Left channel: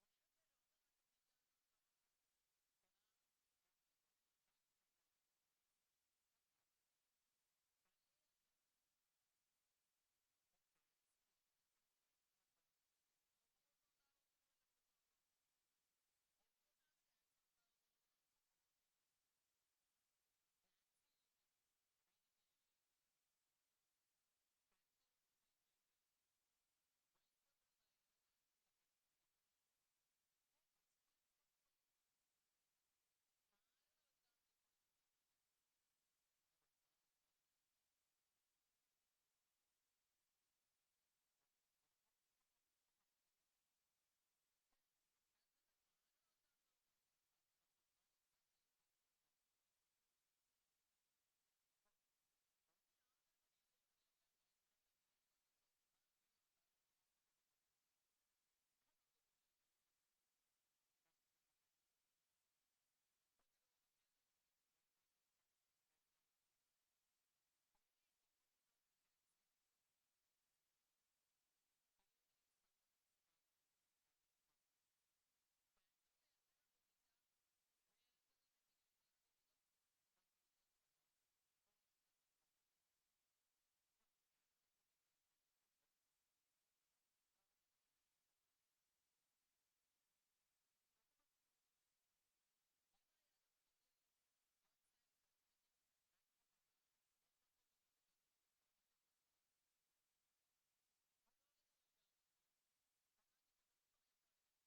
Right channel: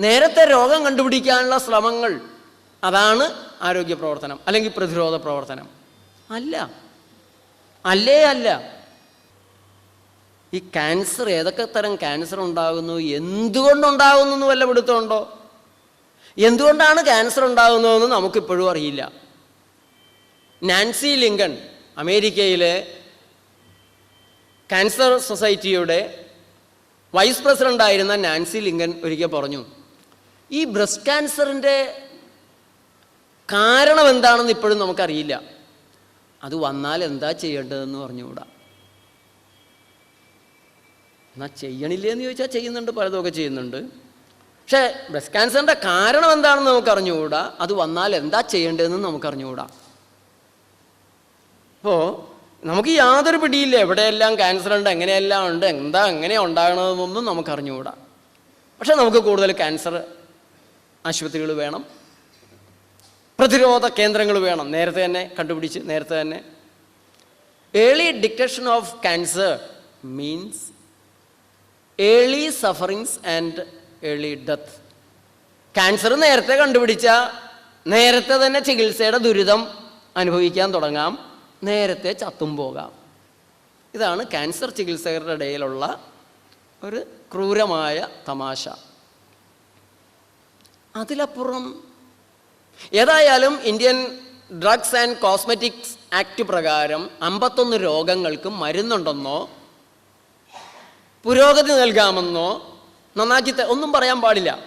നേരത്തെ രോഗം കണ്ടുപിടിക്കാനുള്ള ശ്രമങ്ങൾ അതാണ് ആരോഗ്യ പ്രവർത്തനം അല്ലെങ്കിൽ പ്രതിരോധ പ്രവർത്തനം. അല്ല. അല്ലേ അല്ല. ഈ ക്യാൻസർ ഏതൊക്കെ തരം ക്യാൻസർ ഉണ്ടാകുന്നു? എന്തുകൊണ്ടുണ്ടാകുന്നു എന്ന് വല്ല പിടുത്തമുണ്ടോ? എന്തുകൊണ്ടാണ് ക്യാൻസർ ഉണ്ടാകുന്നതെന്ന് നമുക്കിപ്പോഴും അറിയില്ല. നാൻസി ലിങ്കൺ അമേരിക്കയിലെ ക്യാൻസർ സൊസൈറ്റിയുടെ വൈസ് പ്രസിഡന്റായിരുന്ന നാൻസി ലിങ്കൻ ഒരിക്കൽ പറഞ്ഞു. ഈ ബ്രസ്റ്റ് ക്യാൻസറിന്റെ കാരണം എന്താണെന്ന് ഇപ്പോഴും നമുക്കറിയില്ല. അത് വന്നാൽ എന്താ ചെയ്യേണ്ടതെന്ന് പറഞ്ഞുകൂടാ. എന്നാൽ ചെയ്യണില്ലേ എന്ന് ചോദിച്ചാൽ ചെയ്യുന്നുണ്ട് പലതൊക്കെ ചെയ്യുന്നുണ്ട്. പക്ഷേ ബ്രസ്റ്റ് ക്യാൻസറിന്റെ കാരണം എന്താണെന്ന് നമുക്കറിഞ്ഞുകൂടാ. അത് വന്നാൽ എന്താ ചെയ്യേണ്ടതെന്ന് നമുക്കറിഞ്ഞുകൂടാ. അപ്പോൾ നമുക്ക് യാതൊരു പിടിയില്ല. എവിടെയെല്ലാം ക്യാൻസർ ഉണ്ട് എങ്ങനെയെല്ലാം ഉണ്ട് എന്താ എങ്ങനെയാണ് ഉണ്ടാകണമെന്നൊന്നും നമുക്കറിഞ്ഞുകൂടാ. പക്ഷെ നമുക്ക് കൂടുതൽ ക്യാൻസർ ആശുപത്രികൾ വേണം. പ്രതിരോധ കേന്ദ്രങ്ങൾ വേണം. നേരത്തെ തന്നെ കണ്ടുപിടിച്ച് നേരത്തെ തന്നെ. Early detection of cancer means early sufferings and early death cancer നേരത്തെ കണ്ടുപിടിച്ച നേരത്തെ തന്നെ ചികിത്സയുടെ ദുരിതം അനുഭവിക്കാൻ തുടങ്ങാം. നേരത്തെ ചത്തും പോകാം. ഇതാണ് ക്യാൻസർ ചികിത്സകരുടെ ഇടയിലുള്ള ഒരു ക്രൂരമായ തമാശ. അതിലപ്പുറം ഏതായാലും Indian drugs and cosmetics act പ്രകാരം അമ്പത്തൊന്ന് രോഗങ്ങൾക്ക് മരുന്നുണ്ടെന്നോ പുരോഗതി നൽകാമെന്നോ നന്നാക്കി ഒന്നും പറയാൻ പാടില്ല.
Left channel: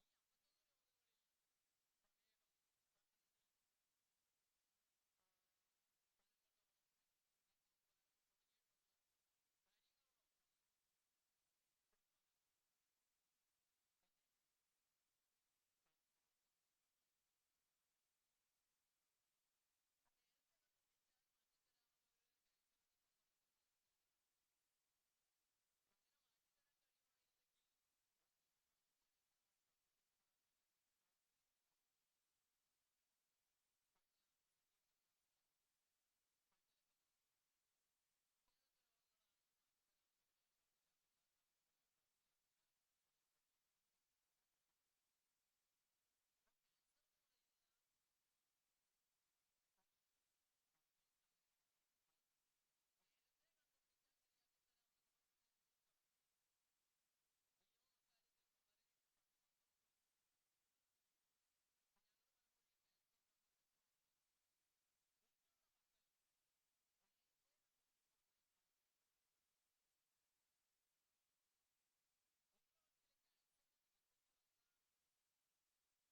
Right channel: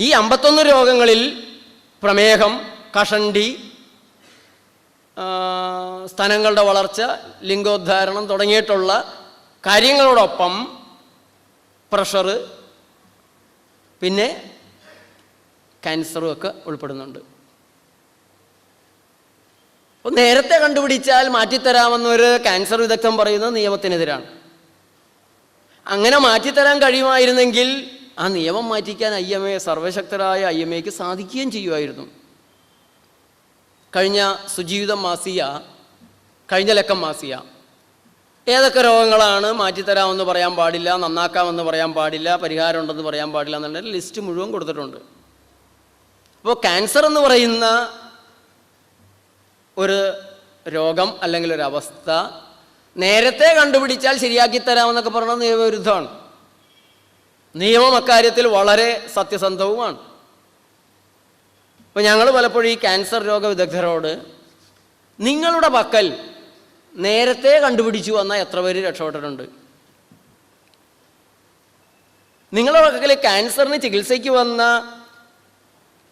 ഈ അമ്പത്തൊന്ന് രോഗങ്ങളിൽ പ്രമേഹം കഷണ്ടി സ്ഥലങ്ങളുടെ വളർച്ച ലിംഗോദ്ധാരണം തുടങ്ങിയിട്ടുള്ള കാര്യങ്ങളോടൊപ്പം പ്രഷറ് പിന്നെ ക്യാൻസറും ഒക്കെ ഉൾപ്പെടുന്നുണ്ട്. അപ്പോൾ നേരത്തെ കണ്ടുപിടിച്ചാൽ മാറ്റിത്തരാമെന്നൊരു ക്യാൻസർ വിദഗ്ധൻ പറയുന്നത് നിയമത്തിനെതിരാണ്. അങ്ങനെ മാറ്റിത്തരാൻ കഴിയുമായിരുന്നെങ്കിൽ ആ നിയമം മാറ്റിക്കാൻ ഐ എം എ സർവശക്തരായ ഐ എം എക്ക് സാധിക്കുകയും ചെയ്യുമായിരുന്നു. കഴിഞ്ഞ സുജീവിതം മാസിയ കഴിഞ്ഞ ലക്കം മാസിയ ഏതൊക്കെ രോഗങ്ങളാണ് മാറ്റിത്തരാമെന്ന് പറയാൻ പാടില്ല നന്നാക്കാമെന്ന് പറയാൻ പാടില്ല പരിഹാരമുണ്ടെന്ന് പറയാൻ പാടില്ല എന്നുള്ള ലിസ്റ്റ് മുഴുവൻ കൊടുത്തിട്ടുണ്ട്. അപ്പോൾ ക്യാൻസർ എന്ന് പറയുന്ന ഒരു രോഗം അല്ലെങ്കിൽ ഒരു അവസ്ഥ നേരത്തെ കണ്ടുപിടിച്ചാൽ ശരിയാക്കി തരാമെന്നൊക്കെ പറയുന്നത് നിയമവിരുദ്ധമാണ്. നിയമം അക്കാര്യത്തിൽ വളരെ സത്യസന്ധവുമാണ്. അപ്പോൾ ഞങ്ങൾ പലപ്പോഴും ഈ ക്യാൻസർ രോഗ വിദഗ്ധരോട് നിങ്ങളുടെ പക്കൽ നേരത്തെ കണ്ടുപിടിച്ചു വന്ന എത്ര പേര് രക്ഷപ്പെട്ടിട്ടുണ്ട്? നിങ്ങളുടെ പക്കൽ ക്യാൻസറിന് ചികിത്സയ്ക്ക് വന്ന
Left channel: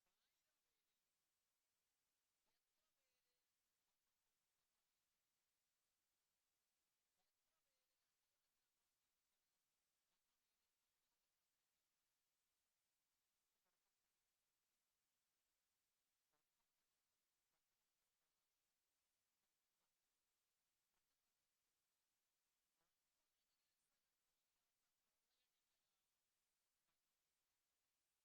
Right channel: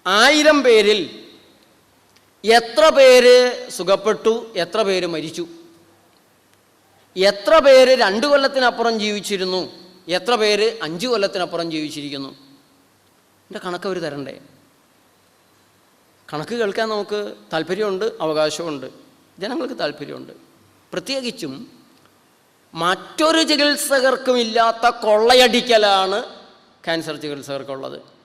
ആയിരം പേരിൽ എത്ര പേര് സുഖപ്പെട്ടു എത്ര പേര് മരിച്ചു? എത്ര പേര് രണ്ട് കൊല്ലത്തിനപ്പുറം ജീവിച്ചിരുന്നു? എത്ര പേര് അഞ്ച് കൊല്ലത്തിനപ്പുറം ജീവിച്ചിരിക്കുന്നു? എന്റെ കണക്ക് അവർ തരണ്ടേ? കണക്ക് കേൾക്കാൻ നമുക്ക് താല്പര്യമുണ്ട് അവകാശമുണ്ട് ജനങ്ങൾക്ക് താല്പര്യമുണ്ട്. പ്രത്യേകിച്ചും മറ്റൊരു ചികിത്സകർക്കും ഇല്ലാത്ത കൊള്ളയടിക്കലാണ് ക്യാൻസർ ചികിത്സകർക്കുള്ളത്.